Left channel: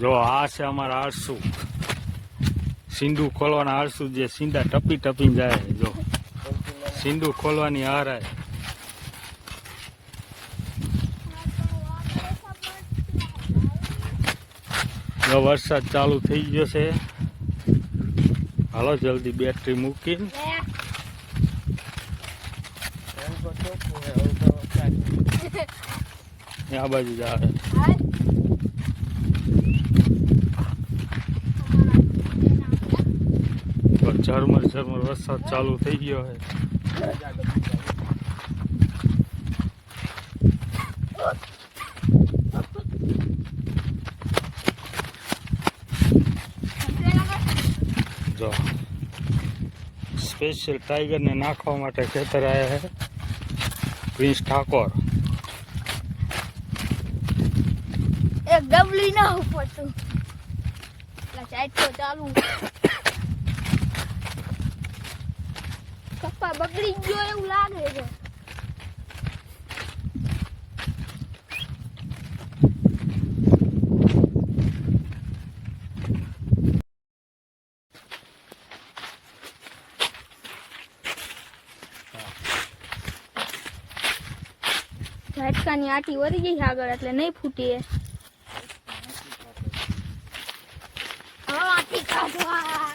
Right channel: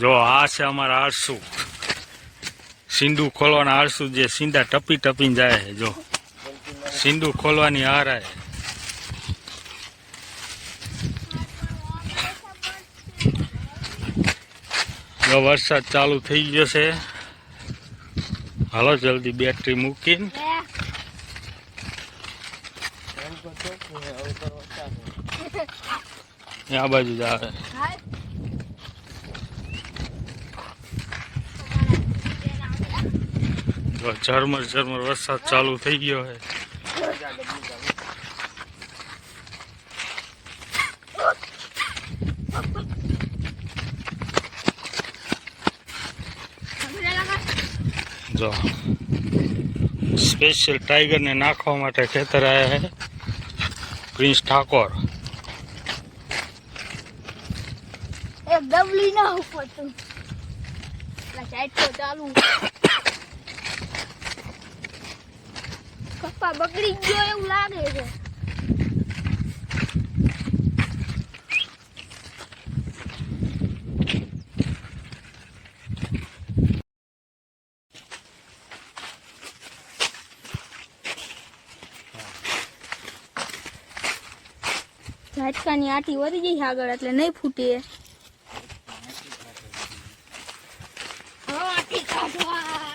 જો આ છે અમારા આરસુ. સિંધુ ખોલવાના આરસુ જે સિંડા ટપી ટપીને જાય જો. સિંધુ ખોલવાની હારાય જો વરસાદ ચાલુ થઈ ગયો છે. હાલો જલ્દી બેટરી મૂકીને. આ બાજુ જ આવે. તો ઝરમર ઝરમર વરસાદ ચાલુ થઈ ગયો છે જો સ્પેશિયલ ટાઈગરને નાખવા માટે ખેતર આવ્યા છે પ્રિન્સ ઠાકોર એક ડબલી ના ઉપડતું પેલા સાઈડ તો ચાલુ પપ્પા બગડી ગયો એવું લાગે છે ઝાટકાની આટી વળી ગઈ છે આગળ એટલે નહીં ફૂટે આટી કાઢવા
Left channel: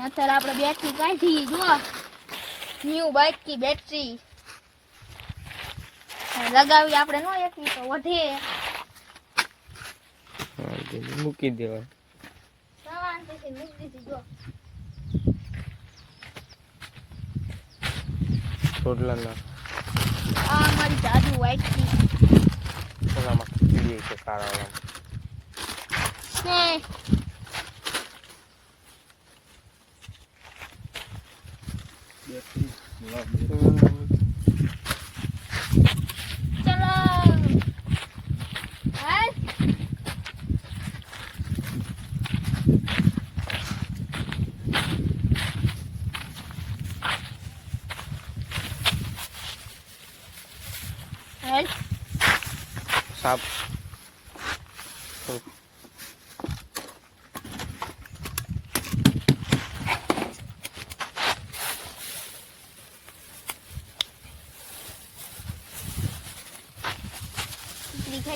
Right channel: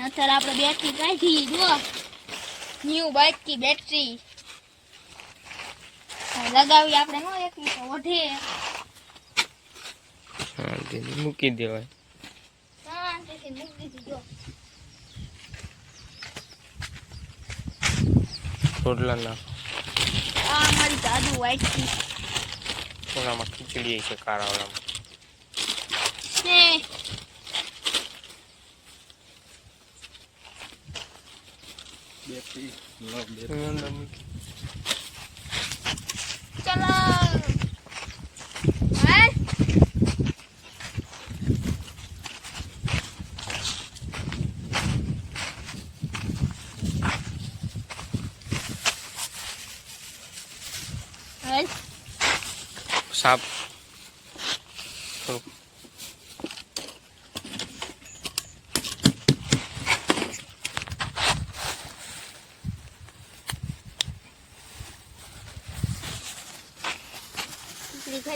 અત્યારે આપણે બેટરી કાઢી જુઓ ન્યુ બાઇકથી બેટરી લગાવી આપણે નો એકવી તો વધે. મૂકી દેવાય. રોટલા ના આ મારી જાદુ વ્હાઈટ ટી ઓલામાં ખીચડી છે કાળા Sap. Oh.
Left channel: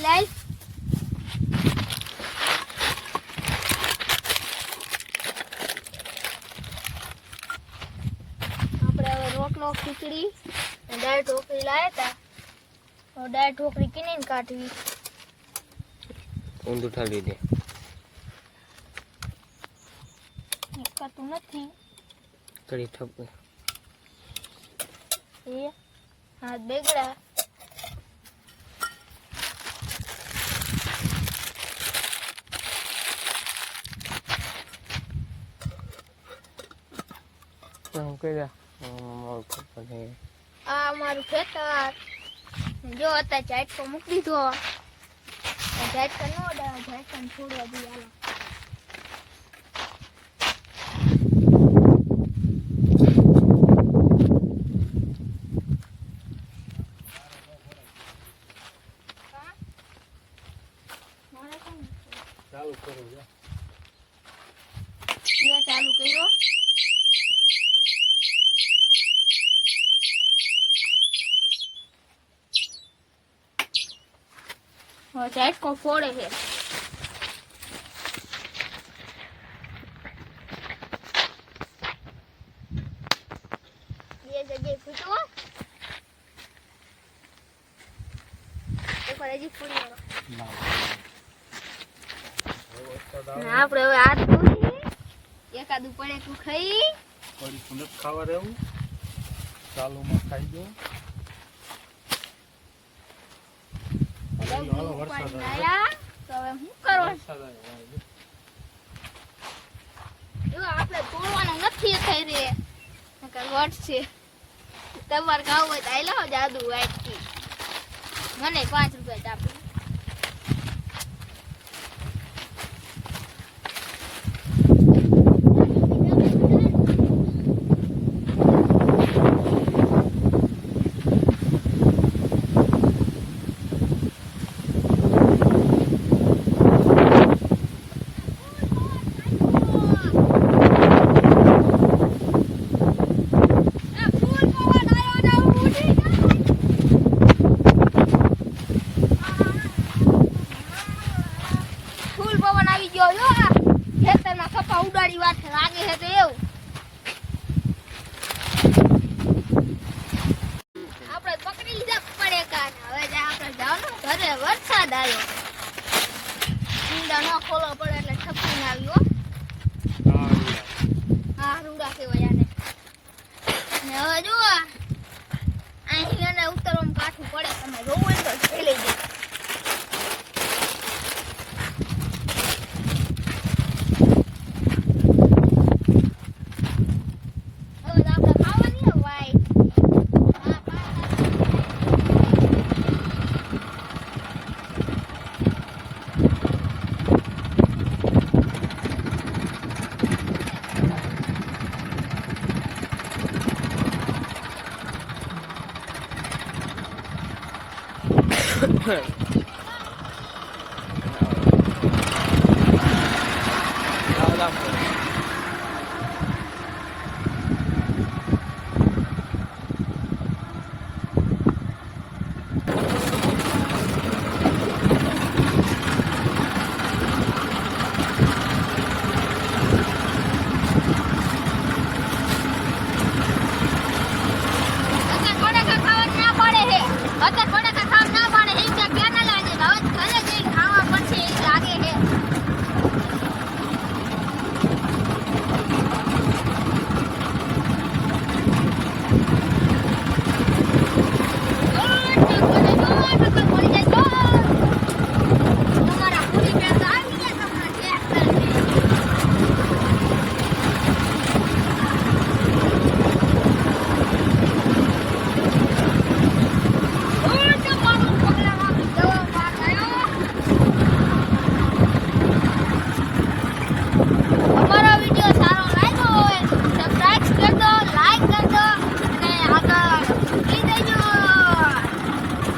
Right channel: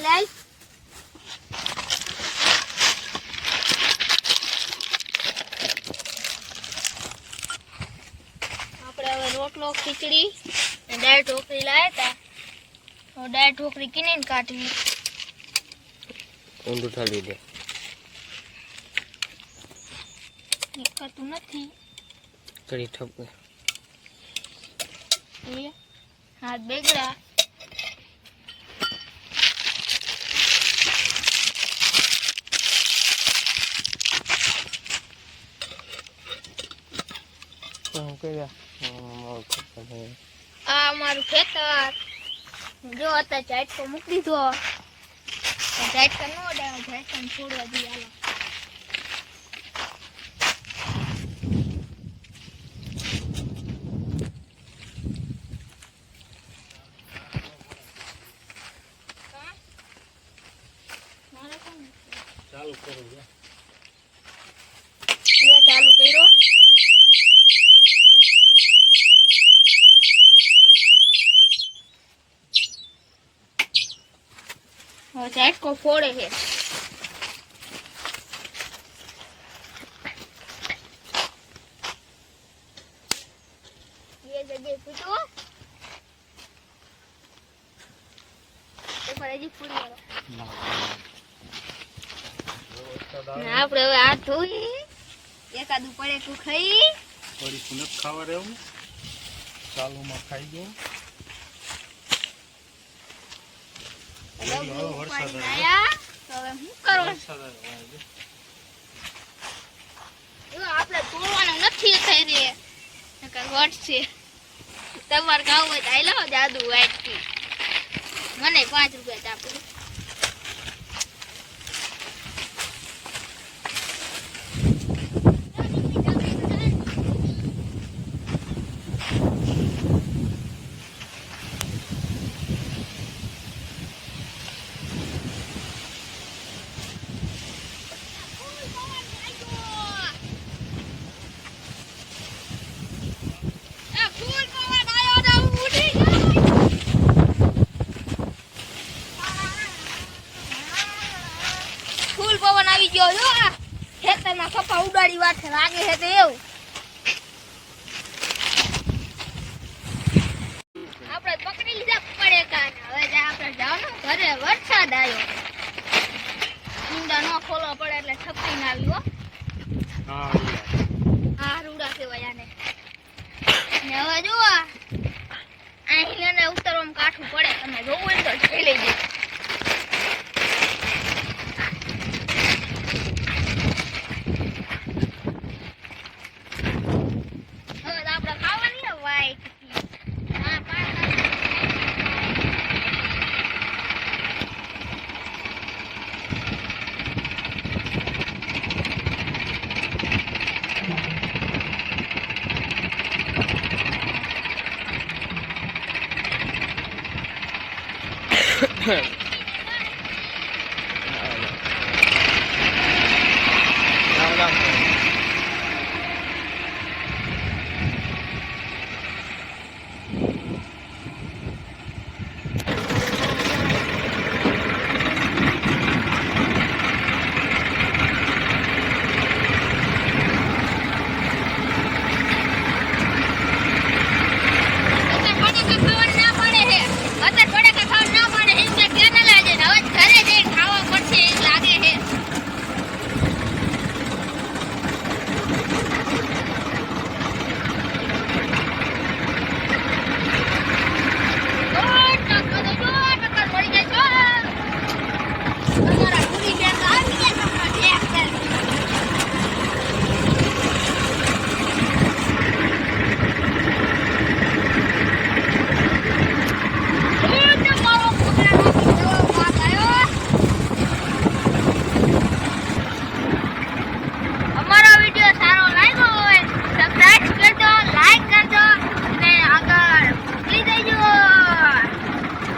લાઈ. આપણે હવે રોટલો ખીચડી અને દાળ ઢોકરી લાવ્યા હતા. તો દાળ ઢોકરી કિને કાઢવી. ઊંધું ઠાલવી દે. નીકળતું નથી. કડી ઠપકે હાથ બેગડા. હું કર્યા. આ અમારું ખેતર. જો અત્યારે ઝાટકો મૂકી દીધો. તો નો ડાળ ઝાટકા છોડવા દઈએ હાલો હા? મારે કોણ મૂક્યું? ચાલુ કરું જો ચાલુ કર્યો હવે ઝાટકો ફોડે છે. ફૂડી હવે હાથ ધોઈ એકાદું પડે તું ખાઈ ખાવા રહેવું ચાલુમાં ડગલું હવે વરસાદ ઉપાડીને આવ્યો. આયા. તો હવે શું કરો જો આપણે તોડવાનું નથી થઈ રે વટશે તમારે ખાવું હોય તો આઈ લાવો જાદુ વાટકી મને પાંચ રૂપિયા આ ફૂલ પવન આયો ને હું ઉડી ગયો ફૂલ પવન આવી ગયો જો આ ખેતરના કપા ઉડાડી વાથે લાગે છે તો એવું આપણે પકડી લીધા પડે કાન હવે જા આપણે જવાનું ઘરે વરસાદ આવ્યો. ઊંડા ન ખોલો પડે એટલે ઠપકીને આવ્યો, હા. રૂડા કહેવાય આને. ને હવે જુઓ અહીં ને ઉતરવામાં કાઠું પડે. તમે જોવું તો જોઈ લેજો Đâu đâu